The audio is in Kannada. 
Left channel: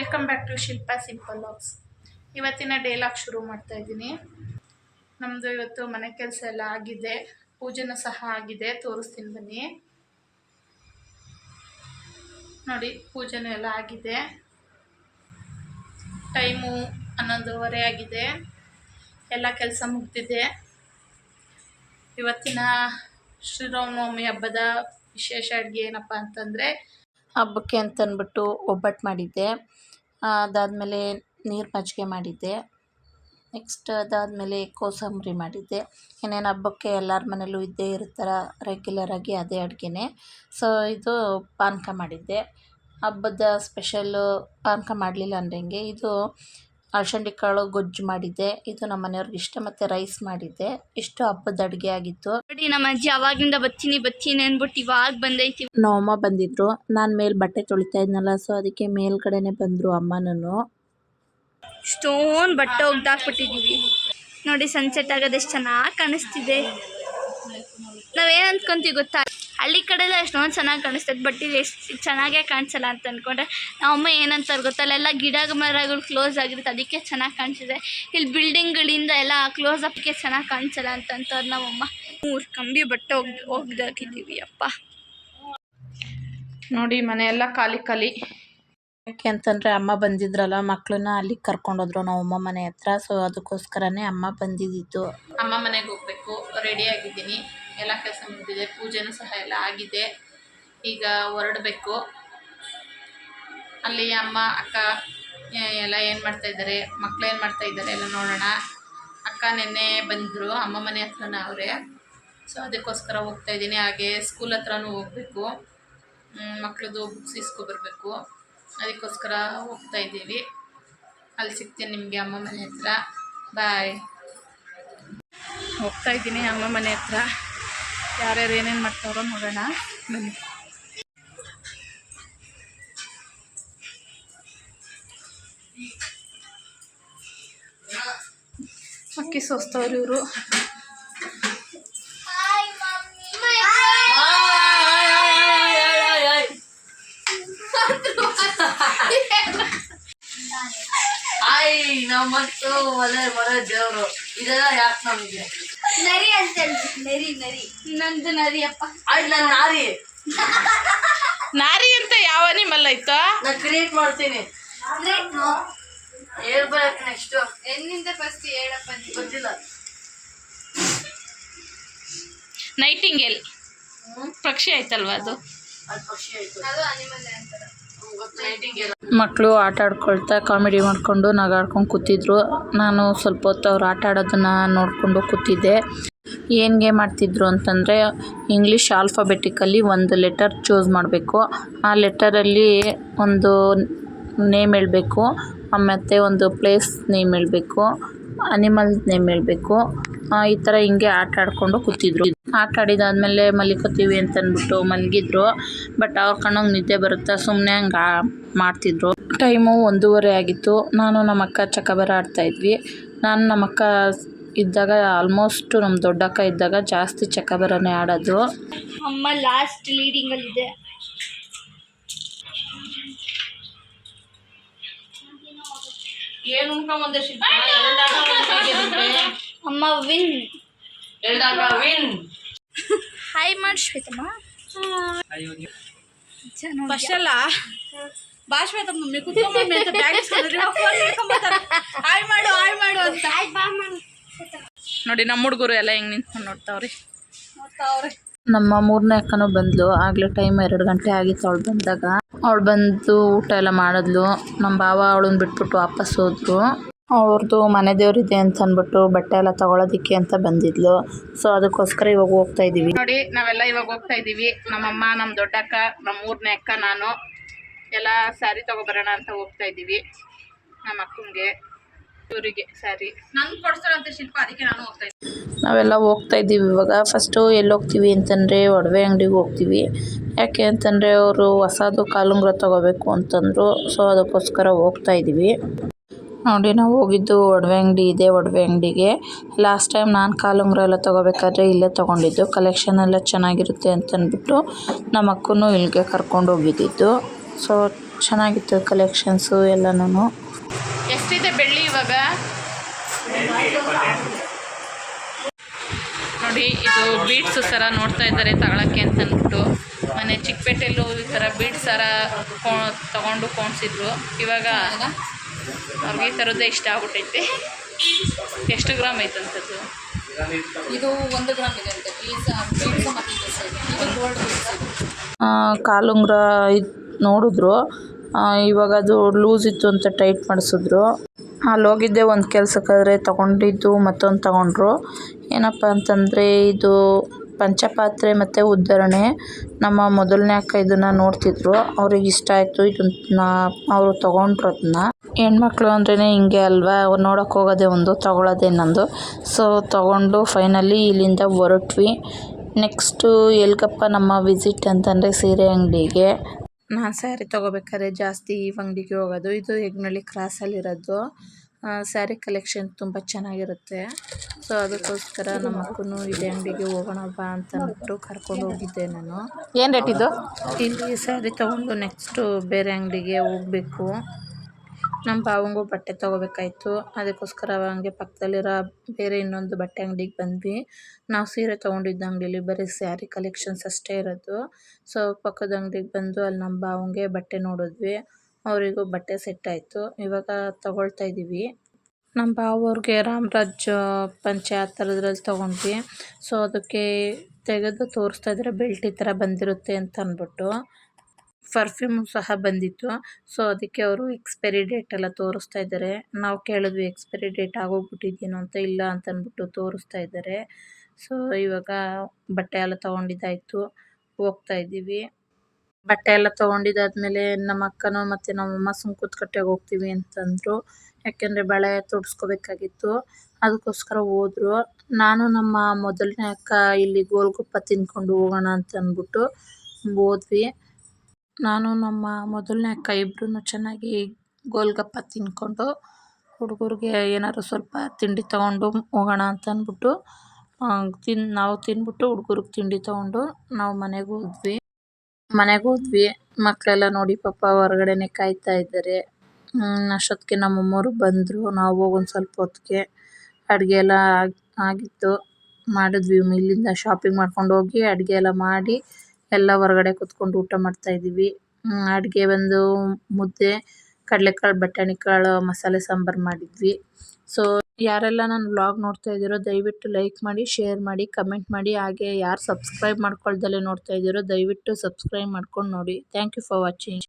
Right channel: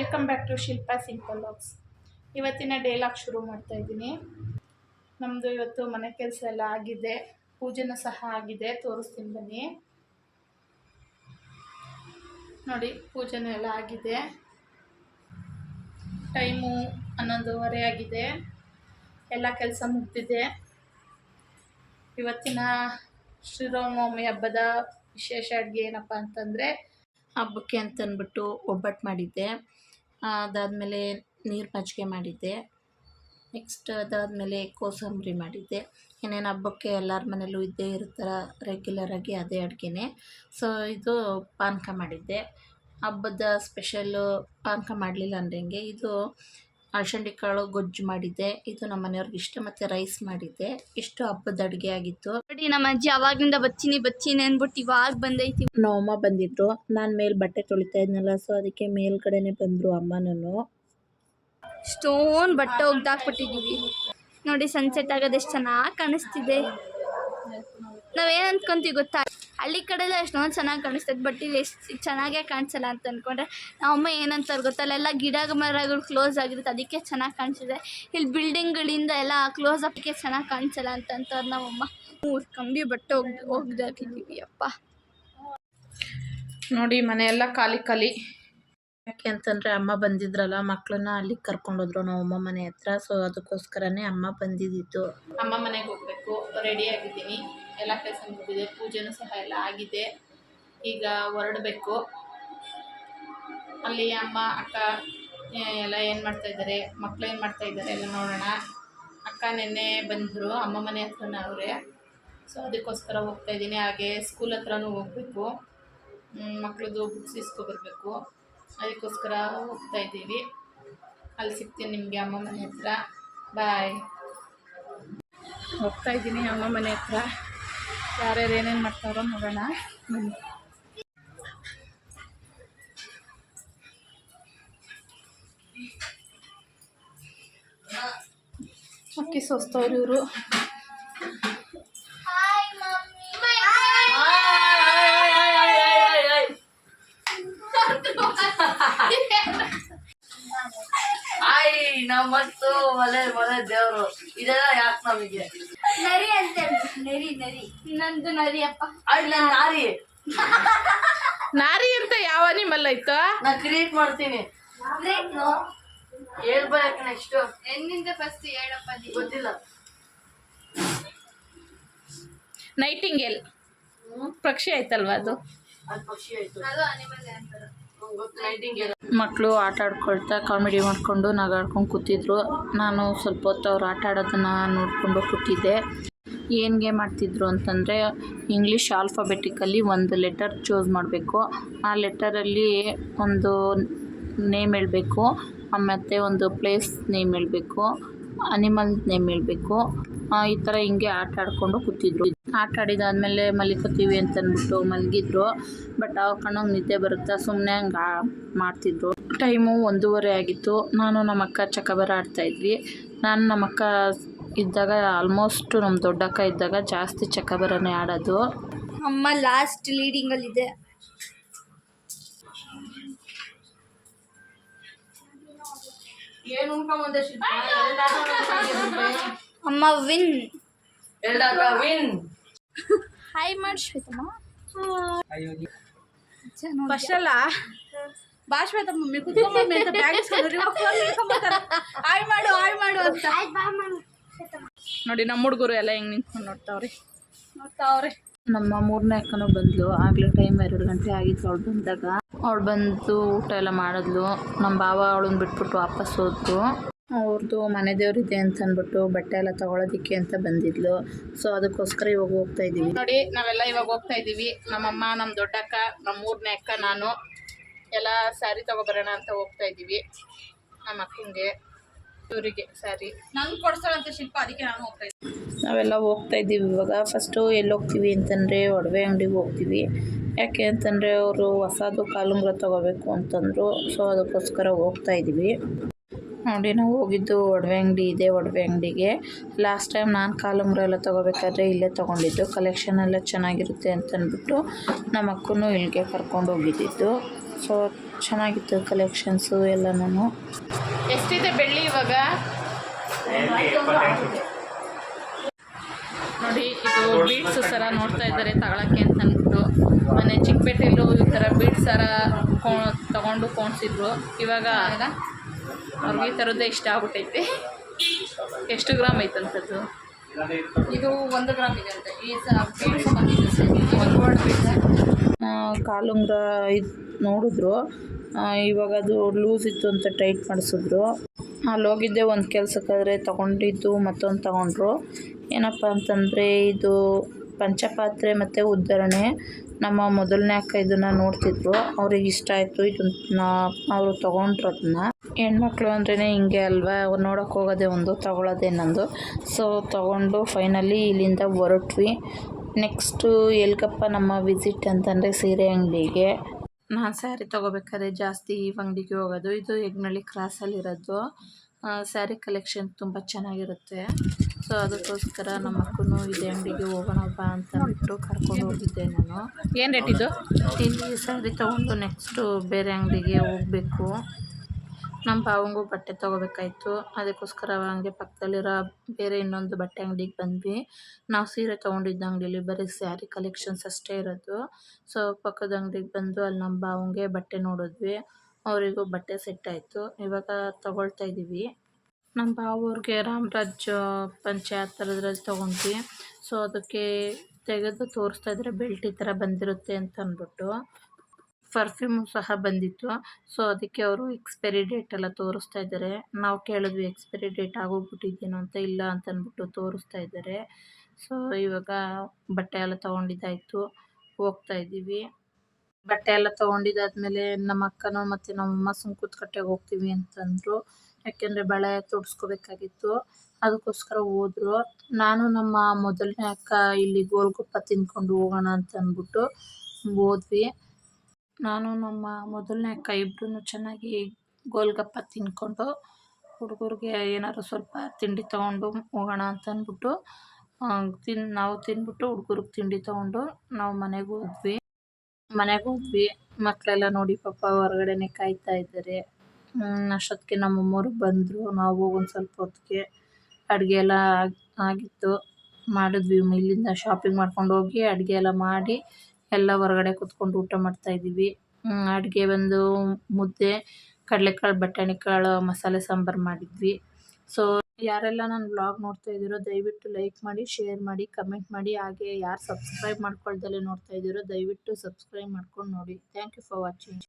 Welcome back to Shilpa simple vlogs ಇವತ್ತಿನ ಡೇಲಾಗ್ ಶುರು ಮಾಡ್ತಾ ಇದ್ದೀನಿ. ನಮ್ಮದು ಇವತ್ತು ಮನೆ ಕೆಲಸ ಎಲ್ಲ ಆಗಿದೆ. ಪೂಜೆನೂ ಸಹ ಆಗಿದೆ. ತೋರಿಸ್ತೀನಿ ಬನ್ನಿ. ನೋಡಿ, ಪೂಜೆನೂ ಎಲ್ಲ ಆಗಿದೆ. ಟೈಮು ಹನ್ನೊಂದುವರೆ ಆಗಿದೆ. ಎಲ್ಲ ಕೆಲಸ ಮುಗ್ದಿದೆ. ಇವತ್ತಿನ ಶ್ರೀರಾಮನವಮಿ ಹಬ್ಬದ ವಿಶೇಷ ಅಡುಗೆ ಏನಪ್ಪ ಅಂತಂದರೆ, ಹಬ್ಬಕ್ಕೆ ಅಂತಂದ್ಬಿಟ್ಟು ಒಬ್ಬಟ್ಟು ಮಾಡಿದ್ದೆ. ಅದಾದಮೇಲೆ ನೀರು ಮಜ್ಜಿಗೆ ಮಾಡಿದ್ದೆ. ನೆಕ್ಸ್ಟ್ ಅದಾದಮೇಲೆ ಕೋಸಂಬರಿ ಮಾಡಿದ್ದೆ. ಇನ್ನೇನು ಹಬ್ಬಕ್ಕೆ ಎಲ್ಲರ ಮನೇಲೂ ಇದ್ದೇ ಇರುತ್ತಲ್ಲ ರೆಗ್ಯುಲರಾಗಿ ಅದೇ ಅಡುಗೆನೇ. ಸೊ ಇದು ಪಾನಕ ಮಾಡಿದ್ದೆ. ಹಬ್ಬದ ಸ್ಪೆಷಲ್ಲು ಪಾನಕ ಮಾಡಲಿಲ್ಲ ಅಂದರೆ ಹೆಂಗೆ ಇದು ಅಲಸಂದೆ ಕಾಳು ಗೊಜ್ಜು ಮಾಡಿದ್ದೆ. ಇದು ನಮ್ಮ ಮನೆಯವ್ರಿಗೆ ಇಷ್ಟ ಮತ್ತು ರೈಸ್ ಮಾಡಿದ್ದೆ. ಇಷ್ಟು ಹಬ್ಬದ ಅಡುಗೆ ಆಗಿತ್ತು. ನೋಡಿ ನಮ್ಮ ಅಜ್ಜಿ ಅವಾಗಿಂದ ಬತ್ತೀನಿ ಬತ್ತೀನಿ ಅಂದ್ಬಿಟ್ಟು ಇವಾಗ ಬಂದೈತಿ. ನಮ್ಮಮ್ಮ ಬಂದಿದ್ರು. ನಾನು ಮೇಲೆ ಬಟ್ಟೆ ತೊಳಿತಾ ಇದ್ನಲ್ಲ ಸೊ ಅದಕ್ಕೆ ಮೇಲ್ಗಡೆನೆ ಬಂದರು ಅಮ್ಮನೂ ಸ್ಟೋನ್ ಬಟ್ಟೆ ಒಗ್ದಾಕ್ಬಿಟ್ಟಿದ್ದೀವಿ ನೋಡಿ ಸನ್ಸೆಟ್ ಆಗೋದೆಷ್ಟು ಚೆನ್ನಾಗಿ ಕಾಣಿಸ್ತಿದೆ. ನಾವೇನು ಅಂದ್ಕೊಂತೀವಿ ಗೊತ್ತಾ? ಹಳ್ಳಿ ಕಡೆ ಎಲ್ಲ ಎಷ್ಟೊಂದು ಚೆನ್ನಾಗಿ ಕಾಣಿಸ್ತದೆ ಬಟ್ ಇಲ್ಲಿ ಎಷ್ಟು ಚೆನ್ನಾಗೇ ಕಾಣಿಸಲ್ಲ ಅಂತ ಅಂದ್ಕೊಂಡ್ರೆ ನಮ್ಮಮ್ಮ ಏನಂತಾರೆ ಗೊತ್ತಲ್ಲ ಎಲ್ಲ ಗಿಡ ಮರಗಳು ಕ್ಲೋಸ್ ಆಗಿರುತ್ತೆ ಅದಕ್ಕೆ ಚೆನ್ನಾಗಿ ಕಾಣಿಸಿದೆ. ಇಲ್ಲಿ ಬಿಲ್ಡಿಂಗ್ಗಳಿಂದ ಎಲ್ಲ ಕ್ಲೋಸ್ ಅಪ್ಗೆ ಚೆನ್ನಾಗಿ ಕಾಣಿಸಲ್ಲ ಅಂತ ಅಂತಾರೆ ನಮ್ಮಮ್ಮ ಮೂರು ಕಂಬಿ ಬಟ್ಟೆ ಹೋಗಿ ಹೋಗ್ದಾಕಿದ್ದೀವಿ ಅಪ್ಪ. ನೋಡಿ ಮನೆಯೆಲ್ಲ ಖಾಲಿ ಖಾಲಿ. ಯಾಕೆ ಅಂತಂದರೆ ಅಮ್ಮ ಬಂದಿದ್ರಲ್ಲ ಮಕ್ಕಳನ್ನ ಅಲ್ಲಿಗೆ ಕರ್ಕೊಂಡೋದ್ರು ನಾವು ಅಮ್ಮ ಮನೆ ಹತ್ರ ಸೊ ಅದಕ್ಕೋಸ್ಕರನೇ ಅಮ್ಮ ಬಂದಿದ್ದಿತ್ತು ಅಮ್ಮ ಮನೆಗೆ ಹೋಗಬೇಕು ರೆಡಿ ಆಗಿದ್ದೀನಿ. ಎಲ್ಲ ಕೆಲಸ ಮುಗಿದಿದೆ, ಪೂಜೆನೂ ಸಹ ಎಲ್ಲ ಆಗಿದೆ. ಈಗ ಹೊರಡಬೇಕು. ಅಲ್ಲಿ ಅಮ್ಮ, ಅಕ್ಕ ಎಲ್ಲ ಏನು ಮಾಡ್ತಾ ಇದ್ದಾರೆ, ಮಕ್ಳು ಏನು ಮಾಡ್ತಾ ಇದ್ದಾರೆ ಎಲ್ಲ ನೋಡೋಣ. ಅಕ್ಕ ನೆನ್ನೆ ಬಂದರು, ಅಮ್ಮ ಮನೆ ಹತ್ರನ ಅವರೇ. ಸೊ, ಅದಕ್ಕೋಸ್ಕರ ಹೋಗ್ತಾ ಇದ್ದೀನಿ. ಹಾಗೆ ಸ್ಕೂಲ್ ಹತ್ರನೂ ಹೋಗಬೇಕು. ಮಕ್ಳದ್ದು ಬುಕ್ಸ್ ಇಸ್ಕೊಬರ್ಬೇಕು. ಅದಕ್ಕೋಸ್ಕರ ಹೋಗ್ತಾ ಇದ್ದೀವಿ. ಅಲ್ಲಿ ಸಿಗ್ತೀನಿ ನಿಮಗೆ ಅಮ್ಮ ಮನೆ ಹತ್ರ. ಬಾಯ್ ಹೋಗ್ತಾ ಇದ್ದೀನಿ ಅಮ್ಮ ಮನೆ ಹತ್ರ. ಯಾರ್ಯಾರು ಏನೇನು ಮಾಡ್ತಾವ್ರೋ ನೋಡೋಣ. ಬನ್ನಿ. ಅಕ್ಕಿ ಸೋಸ್ತವ್ರು ಇವರು. ಆಯ್ ಮತ್ತು ಮನೆ ಮನೆ ದೇವರು. ಇದೆಲ್ಲ ಯಾಕೆ ನಮಗೆ? ನರಿ ಅಂತ ನರಿ ನರಿ. ನಂದು ನರಿಯಪ್ಪ ಅಪ್ಪ. ನನ್ನ ನಾರಿ. ನಾರಿ ಅಂತ ಯಾವ ಅನಿಮಲ್ ಆಯ್ತಾ? ನಾ ಕ್ರಿಯೇಟ್ ಮಾಡ್ತೀನಿ. ಏನ್ ಬರಕ್ ನೆಕ್ಸ್ಟ್ ಎನ್ನಿಂದ ಫಸ್ಟ್ ಹೇಳಪ್ಪ ಗೊತ್ತಿಲ್ಲ. ನೈಟಿಂಗೇಲ್ ಪಕ್ಷಿ ಆಯ್ತಲ್ವಾ ಅದು? ಅದು ಪಕ್ಷಿ ಆಯ್ತು. ಅದು ಅನಿಮಲ್ ಅಂತಾರೆ. ಮಕ್ಕಳು ಆಟ ಆಡ್ಕೊಳ್ತಾ ಕಾಮಿಡಿ ಮಾಡಿಕೊಂಡು ನಗಾಡ್ಕೊಂಡು ಕೂತಿದ್ರು. ನಾನು ಸ್ವಲ್ಪ ಹೊತ್ತು ಅವ್ರು ಆಟ ಆಡೋದನ್ನು ನೋಡಿಕೊಂಡು ಕೂತಿದ್ದೆ. ಏನು ಗೇಮ್ ಆಡ್ತಿದ್ರು ಅಂತಂದರೆ ಇಂಗ್ಲೀಷ್ ಆಲ್ಫಾಬೆಟಿಕಲ್ಲಿ ಒಂದು ಲೆಟರ್ ಚೂಸ್ ಮಾಡಬೇಕು. ಆ ಲೆಟರಲ್ಲಿ ಒಂದು ನೇಮ್ ಹೇಳಬೇಕು ಮತ್ತು ಒಂದು ಪ್ಲೇಸ್ ನೇಮ್ ಹೇಳಬೇಕು ಅನಿಮಲ್ ನೇಮ್ ಹೇಳಬೇಕು. ಈ ಥರ ಹಿಂಗೆ ಆಟ ಆಡ್ಕೊಂಡು ಕೂತಿದ್ರು. ಆಟ ಆಡಿದಾದ್ಮೇಲೆ ಮಲಿಕೋತೀವಿ ಅಂತ ಅಂದ್ಬಿಟ್ಟು ಮಲಗಿದ್ರು. ಬಟ್ ಅವ್ರ ಕಣ್ಣಂಗೆ ನಿದ್ದೆ ಬರುತ್ತಾ? ಸುಮ್ಮನೆ ಹಂಗೆ ಮಾಡ್ತಿದ್ರು. ಟೈಮು ಒಂದೂವರೆ ಆಗಿತ್ತು. ನಾನು ನಮ್ಮ ಅಕ್ಕ ಚಕ್ಕಬರ ಆಡ್ತಾ ಇದ್ವಿ. ನಾನು ನಮ್ಮ ಅಕ್ಕ ಇದ್ದಾಗ ಆಲ್ಮೋಸ್ಟ್ ನಮ್ಮ ದೊಡ್ಡಕ್ಕ ಇದ್ದಾಗ ಜಾಸ್ತಿ ಚಕ್ಕಬರನೇ ಆಡೋದು. ಅಮ್ಮ ಲಾಸ್ಟ್ ಲೀಡಿಂಗಲ್ಲಿ ಇದೆ. ಏನು ಅಮ್ಮ ವಿನ್ ವಿನ್ ಹಾಯ್ ಮಾಡಿ ಶ್ವೇತಮ್ಮ ಬಾ ಶ್ವೇತಮ್ಮ ಮಮ್ಮಿ ಕುತ್ಕೊ ಮಮ್ಮಿ ಅಂತ ಬ್ಯಾಗ್ ಇಸ್ಕೊಂಡ್ರೆ ಫೋನ್ ಹಾಯ್ ಮಾಡು ಹಾಯ್ ಮಾಡು ಅಂತ. ನೋಡಿ ನಮ್ಮ ಹುಡುಗರು ಎಲ್ಲ ಹೆಂಗೆ ನಿಂತ್ಕೊಂಡು ನೋಡ್ತಾವ್ರಿ. ನೋಡ್ತಾವ್ರೆ. ನಮ್ಮ ಮೂರನೇ ಅಕ್ಕನು ಬಂದ್ಲು. ಆಗಲೇ ಟೈಮ್ ಎರಡು ಗಂಟೆ ಆಗಿತ್ತು ಅವಳು ಬಂದಾಗ. ಅವಳು ಬಂದು ಊಟ ಎಲ್ಲ ಮಾಡಿದ್ಲು. ನಮ್ಮ ಬಾವ ಅವಳನ್ನ ಬಿಟ್ಬಿಟ್ಟು ವಾಪಸ್ ಹೋದ್ರು. ಅವ್ರದ್ದು ಮನೆ ದೇವ್ರಿದೆ ಅಂತ ಅಂದ್ಬಿಟ್ಟು ಬಟ್ಟೆ ಎಲ್ಲ ತಗೊಳೋದಿಕ್ಕೆ ಅಂತ ಬಂದಿದ್ಲು. ಸೊ ಅದಕ್ಕೋಸ್ಕರ ಇವಾಗ ಹೋಗ್ತಾ ಇದೀವಿ. ನೋಡಿ ನಾವೆಲ್ಲ ಇವಾಗ ಹೋಗ್ತಾ ಇದೀವಿ. ನಮ್ಮಮ್ಮ ನಮ್ಮ ದೊಡ್ಡಕ್ಕ ನಮ್ಮ ಮೂರನೇ ಅಕ್ಕ ನಾನು ಎಲ್ಲ ಸ್ಯಾರಿ ತಗೊಬರೋಣ ಅಂತ ಹೋಗ್ತಾ ಇದೀವಿ. ನಮ್ಮ ಅಕ್ಕಂಗೆ ಇವರಿಗೆ ಸ್ಯಾರಿ ನಂಗೆ ಕೊಡ್ಸೋಣ ಶಿಲ್ಪ ಅದಕ್ಕೆ ನಾನು ಹೋಗ್ತಾ ಇದ್ದೀನಿ ನಾವೆಲ್ಲ ಹೋಗ್ತಾ ಇದ್ದೀವಿ ಇವಾಗ. ಫಸ್ಟು ಎಲ್ಲಿ ಹೋಗ್ತೀವಿ ಅಂತಂದರೆ ಒಡವೆ ಅಂಗಡಿಗೆ ಹೋಗ್ತೀವಿ. ಯಾಕೆ ಅಂತಂದರೆ ಅವರು ಹೊಸದು ಕಾಲುಂಗ್ರ ತಗೋಬೇಕು ಅಂತಂದರು. ಸೊ ಅದಕ್ಕೋಸ್ಕರ ಹೋಗ್ತಾ ಇದ್ದೀವಿ ನೋಡಿ, ನಾವು ಹೋಗಿದ್ದು ಒಡವೆ ಅಂಗಡಿ ಇದೆ, ಒಡವೆ ಅಂಗಡಿಗೆ. ಲಾಸ್ಟ್ ಟೈಮ್ ನಾನು ಕಾಲುಂಗುರ ಎಲ್ಲ ತೊಗೋಬೇಕಾದ್ರೆ ಇಲ್ಲೇ ತೊಗೊಂಡಿದ್ದು. ಕಲೆಕ್ಷನ್ ಎಲ್ಲ ಚೆನ್ನಾಗಿರುತ್ತೆ ಅಂತ ಅಂದ್ಬಿಟ್ಟು ನಮ್ಮ ಅಕ್ಕನೂ ಇಲ್ಲಿಗೆ ಕರ್ಕೊಂಡು ಹೋಗಿದ್ದಿದ್ದು. ಸೊ ಚೆನ್ನಾಗಿತ್ತು ಕಲೆಕ್ಷನ್ಸು ಎಲ್ಲನೂ ಎಷ್ಟಿದೆ ಬೆಳ್ಳಿ ಇವಾಗ? ನೋಡಿ, ಇದು ಬೀಡ್ಸ್ ಸರ ನೋಡ್ತಾ ಇದ್ದಾರೆ ತಗೊಳಕ್ಕೆ ಅಂತ ಅಂದ್ಬಿಟ್ಟು ಮೊನ್ನೆ ಚಿಕ್ಕಪೇಟೆಯಲ್ಲೂ ಈ ಥರ ಬೀಡ್ಸ್ ಸರ ಕೋ, ತಗೊಂಡು ಕೊಂಡ್ಸಿದ್ರು ಇವಾಗ ಅವ್ರಿಗೆ ಈ ಥರದ್ದೇ ಇಷ್ಟ ಆಗ್ಬಿಟ್ಟೈತಿ. ಎಷ್ಟು ಗ್ರಾಮ್ ಐತಂಥದ್ದು ಇದು ಒಂದು ಗ್ರಾಮ್ ಇದೆ ಅಂತ. ಕಾಲುಂಗುರ ಇದು ನೋಡಿದ್ರು. ಆ, ಇವಾಗ ಅದು ಲೂಸ್ ಇತ್ತು ಅಂತ ಟೈಟ್ ಮಾಡಿಸಿದ್ರು. ಅಲ್ಲಿ ಹೋಗಿದ್ದೆ ಒಂದು ಕೆಲಸಕ್ಕಾದ್ರೆ ತಗೊಂಡಿದ್ದು ಮತ್ತೊಂದು ತಗೊಂಡ್ರು. ಏನಪ್ಪ ಅಂತಂದರೆ ಇದು ಪಂಚಪಾತ್ರೆ ಮತ್ತು ಉದ್ಧರಣೆ. ನಮ್ಮ ಮೊದಲನೇ ಅಕ್ಕ ಇದನ್ನು ನೋಡ್ತಿದ್ರು. ಅವ್ರಿಗೆ ಇಷ್ಟ ಆಯಿತು. ಇದನ್ನ ಅವರು ತೊಗೊಂಡ್ರು ಅದನ್ನ ಹೆಣ್ಮಕ್ಳು ಅಂದ್ರೇ ಹಿಂಗೆ ಅಲ್ವಾ? ನೋಡೋಕೆ ಹೋಗೋದೆ ಒಂದು ತಗೊಳ್ಳೋದೆ ಇನ್ನೊಂದು. ಸೊ ತೊಗೊಂಡು ಫೈನಲಿ ಇಲ್ಲಿಂದ ಹೊರಟ್ವಿ. ನೆಕ್ಸ್ಟು ಎಲ್ಗಪ್ಪ ನಮ್ಮ ವಿಸಿಟ್ ಅಂತಂದರೆ ಸೀರೆ ಅಂಗಡಿಗೆ. ನಾನು ಸ್ಯಾರಿ ತೊಗೋಬೇಕಾದ್ರೆ ಜಾಸ್ತಿ ಈ ಅಂಗಡಿಗೆ ಹೋಗೋದು. ಇದು ಹೆಗ್ನಳ್ಳಿ ಕ್ರಾಸಲ್ಲಿರೋದು ಸ್ಯಾರಿ ಕಲೆಕ್ಷನ್ ತುಂಬ ಚೆನ್ನಾಗಿರುತ್ತೆ. ಸೊ ಅದಕ್ಕೋಸ್ಕರ ನಮ್ಮ ಅಕ್ಕನೂ ಇದೇ ಅಂಗಡಿಗೆ ಹೋಗೋಣ ಬಾ ಅಂತಂದ್ಬಿಟ್ಟು ಕರ್ಕೊಂಡು ಹೋಗಿದ್ದೆ ನಾನು. ಏನು ರೇಟ್ ಇದು? ಇಲ್ಲಿ ಸ್ಯಾರಿ ತೊಗೊಂಡು ನೆಕ್ಸ್ಟು ಬೇರೆ ಅಂಗಡಿಗೆ ಹೋಗಬೇಕು. ನಮ್ಮ ಭಾವಂಗೂ ಬಟ್ಟೆ ತೊಗೋಬೇಕಾಯ್ತು. ಅದಕ್ಕೋಸ್ಕರ ಹಂಗೆ ಪಕ್ಕದಲ್ಲಿರೋ ಬೇರೆ ಇನ್ನೊಂದು ಬಟ್ಟೆ ಅಂಗಡಿಗೆ ಬಂದ್ವಿ. ನಾವು ಸೀರೆ ತೊಗೊಂಡಿದ್ದ ಅಂಗಡಿಲಿ ಬರೀ ಸ್ಯಾರಿ ಕಲೆಕ್ಷನ್ಸ್ ಅಷ್ಟೇ ಇರೋದು. ಸೊ ಪಕ್ಕದ ಅಂಗಡಿಗೆ ಬಂದು ಅಲ್ಲಿ ನಮ್ಮ ಭಾವಂಗೆ ಬಟ್ಟೆ ನೋಡಿದ್ವಿ. ಅವರಿಗೂ ಬಟ್ಟೆ ಸೆಟ್ ಆಯಿತು. ಇವಾಗ ತೊಗೊಳ್ತಾ ಇದ್ದೀವಿ ನಮ್ಮ ಭಾವವ್ರಿಗೆ ರಾಮರಾಜ್ ಪಂಚೆ ಆ ಥರದ್ರಲ್ಲಿ ತೊಗೊಂಡ್ವಿ. ಸೊ ಅದಕ್ಕೆ ತೆಗೆದು ತೋರಿಸ್ತಾ ಇದ್ದಾರೆ ಬೆಲ್ಟ್ ಈ ಥರ ಬಂದಿರುತ್ತೆ ಅಂತ ಅಂದ್ಬಿಟ್ಟು. ಪರ್ಫ್ಯೂಮು ಸಹ ಬಂದಿತ್ತು. ಸೊ ಅದಕ್ಕೆ ಅವರು ಎಕ್ಸ್ಪೈರಿ ಡೇಟ್ ಎಲ್ಲ ತೋರಿಸ್ತಾ ಇದ್ದಾರೆ. ನಾವು ಕೇಳಿದ್ವಿ ಎಕ್ಸ್ಪೈರಿ ಡೇಟ್ ಆಗೋಗ್ಬಿಟ್ಟಿದ್ದೇನೋ ಅಂತ, ಇಲ್ಲ ಅಂತ ಅಂದ್ಬಿಟ್ಟು ತೋರಿಸ್ತಾ ಇದ್ದಾರೆ. ಸೊ ಇವಾಗ ಬಟ್ಟೆ ಎಲ್ಲ ತೊಗೊಂಡಿದ್ದಾಯಿತು. ಹೋಗ್ತಾ ಇದ್ದೀವಿ. ಬಟ್ಟೆ ಎಲ್ಲ ತೊಗೊಂಡಿದ್ದಾದ್ಮೇಲೆ ನಮ್ಮ ಅಕ್ಕನೂ ಮತ್ತು ನಮ್ಮಮ್ಮ ಸುಂಕುತ್ಕಟ್ಟೆಗೆ ಹೋಗ್ತೀವಿ ಅಂತಂದರು. ಯಾಕೆಂದರೆ ಬಳೆ ತೊಡ್ಸ್ಕೊಬೇಕಾಗಿತ್ತು. ಅದಕ್ಕೋಸ್ಕರ ಹೋದರು. ನಾನು ನಮ್ಮ ಮೊದಲನೇ ಅಕ್ಕ ಇಲ್ಲಿ ಗೋಲ್ಗುಪ್ಪ ತಿಂದ್ಕೊಂಡು ಹೋಗೋಣ ಅಂತ ಅಂದ್ಬಿಟ್ಟು ಹೋದ್ವಿ. ನಾನು ನಮ್ಮ ಮೊದಲನೇ ಅಕ್ಕ ಇಬ್ಬರೂ ಚೆನ್ನಾಗಿ ಗೋಲ್ಗಪ್ಪ ತಿಂದ್ಕೊಂಡು ಹುಡುಗರಿಗೆ ಏನಾದ್ರು ಸ್ವಲ್ಪ ತಿಂಡಿ ತೊಗೊಂಡು ಹೋಗೋಣ ಅಂತ ಅಂದ್ಬಿಟ್ಟು ತಿನ್, ನಾವು ತಿಂದ್ಬಿಟ್ಟು ಹುಡುಗರಿಗೆ ತಿಂಡಿ ತೊಗೊಂಡು ನಾವು ಮನೆಗೆ ಹೋದ್ವಿ. ಮನೆಗೆ ಹೋದ್ವಿ. ಮಕ್ಕಳೆಲ್ಲ ನೋಡಿ ಪಾಪ ಹೊರಗಡೆನೆ ಕಾಯ್ತಾ ಇದ್ದಾರೆ. ಅಷ್ಟೊತ್ತಿಗೆ ನಮ್ಮಮ್ಮವರು ಬಂದರು. ನಾವು ಹೋಗಿ ಸ್ವಲ್ಪ ಹೊತ್ತಿಗೆ ಅಡುಗೆ ಎಲ್ಲ ಆಗಿ, ಆಗಿತ್ತು. ಮಾಡಿದ್ವಿ. ಇಲ್ಲಿಂದ ಶಾಪಿಂಗ್ ಮಾಡ್ಕೊಂಡು ಹೋಗಿ ಅಡುಗೆ ಎಲ್ಲ ಮಾಡಿ ಎಲ್ಲ ಹೊರಗಡೆ ಕೂತ್ಕೊಂಡು ಊಟ ಮಾಡ್ತಾ ಇದ್ದೀವಿ. ಅಡುಗೆ ಬಂದು ಮುದ್ದೆ, ಕಡಲೆಕಾಳು ಬಟಾಣಿ ಕಾಳು ಮಸಾಲೆ ಸಾಂಬಾರ್ ಮಾಡಿದ್ವಿ. ಸೊ ಯಾರೆಲ್ಲ ನನ್ನ ವ್ಲಾಗ್ ನೋಡ್ತಾ ಇದ್ದೀರೋ ದಯವಿಟ್ಟು ಲೈಕ್ ಮಾಡಿ ಶೇರ್ ಮಾಡಿ ಕಮೆಂಟ್ ಮಾಡಿ. ಹಾಗೆ ಯಾರು ಸಬ್ಸ್ಕ್ರೈಬ್ ಮಾಡ್ಕೊಳ್ದಲ್ಲೇ ನೋಡ್ತಾ ಇದ್ದೀರೋ ದಯವಿಟ್ಟು ಸಬ್ಸ್ಕ್ರೈಬ್ ಮಾಡ್ಕೊಂಡು ನೋಡಿ. Thank you for watching